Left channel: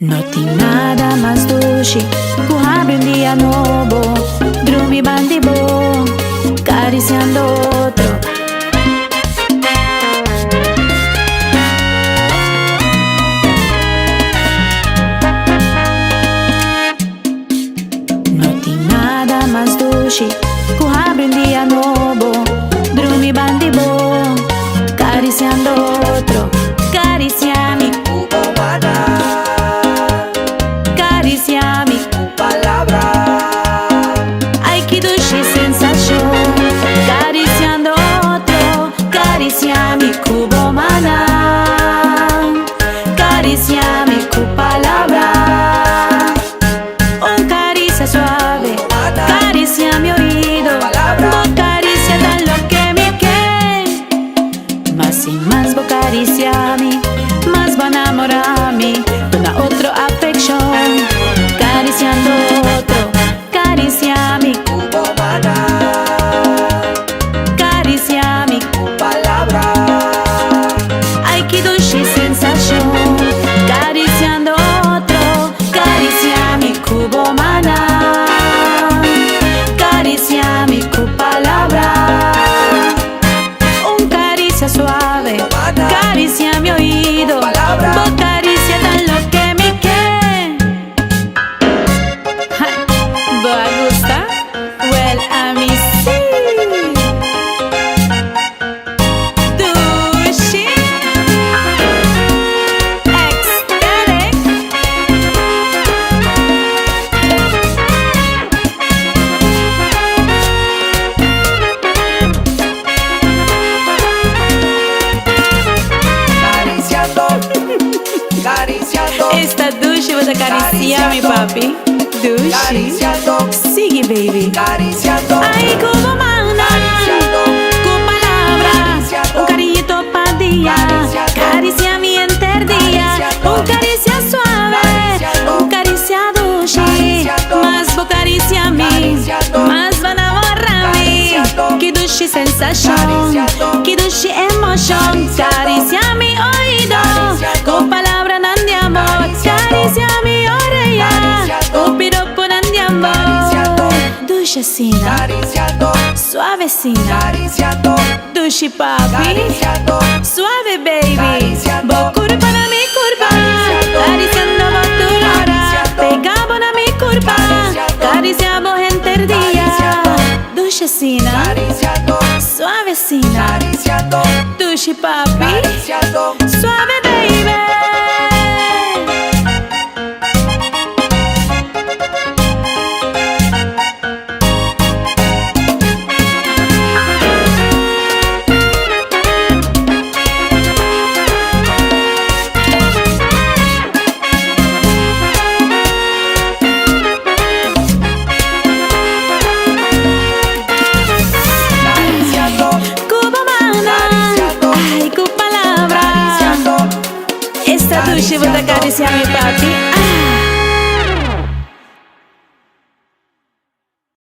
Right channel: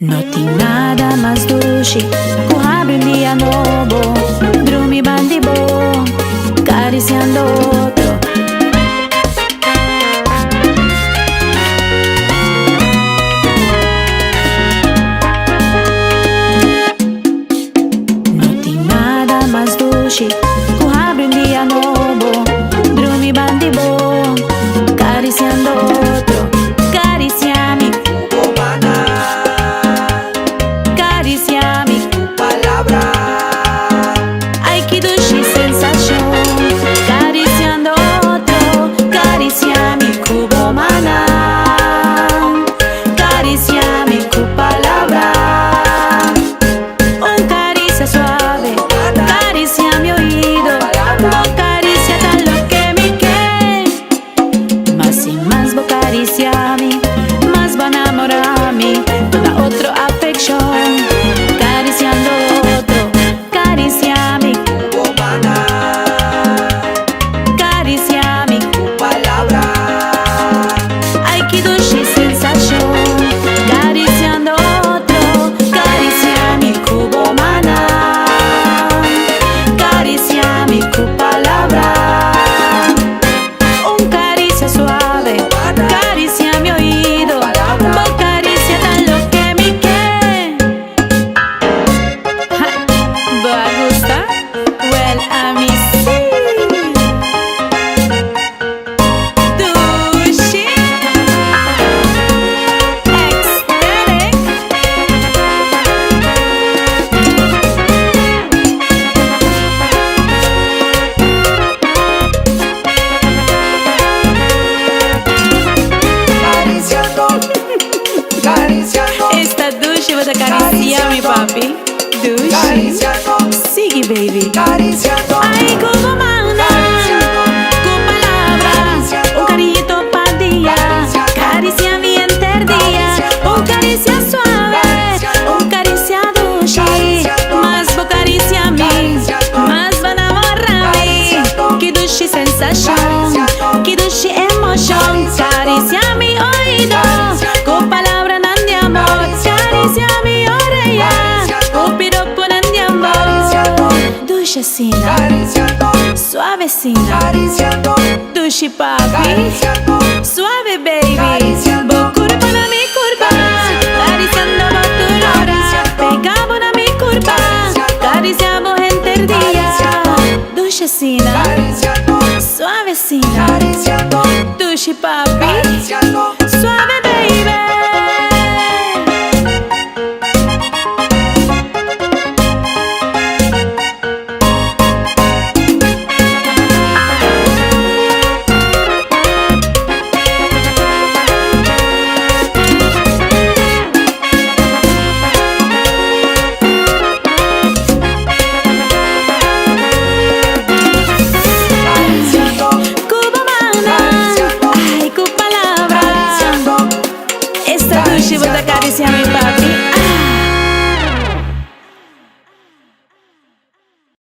No tem nada mais doce que abre dia novo, dormir bem bom, acariciando outro. No tem nada mais doce que abre dia novo, dormir bem bom, acariciando outro. Acariciame, acariciame, palabra. Ay, que dulce sensación, acariciando otro, acariciame, cubo maná, acariciame, cu palabra. Un caricia suave, caricia mi oído, vos caricia tan lo que me que. Más y más vos cariciame, más va a enamorarme, toda otra afección, acariciando otro, acariciame, acariciame, palabra. ay que dulce sensación, acariciando otro, acariciame, cubo maná, acariciame, cu palabra. Un caricia suave, caricia mi oído, vos caricia tan lo que me que. ¿Va a gustar? Well, a mí sí. Dulce, ecstatic. Acariciando, acariciando, Esta dulce vas a acariciar mi papi. Dulce, acariciando, sigue baby. acariciando. Ay, como mana, con palabras, un cariñito pa' día, caricia mi enterdía, un caricia suave, un caricia dulce, más vos caricia a mí, más va a enamorarme, que dulce sensación, que dulce emoción, caricia mi oído, con palabras nan de amor, caricia mi oreja, con piropo nan de amor, dulcecina, Acariciando, suavecina, acariciando, dulce papi, acariciando. suave baby, vos curva na mi curva, acariciando vos tu lora, pegamos na mi curva, acariciamos enterdía, dulcecina, suavecina, dulce papi, suave baby. Cubo mana, ay, cu palabra. Esta dulce vos acaricia mi papi.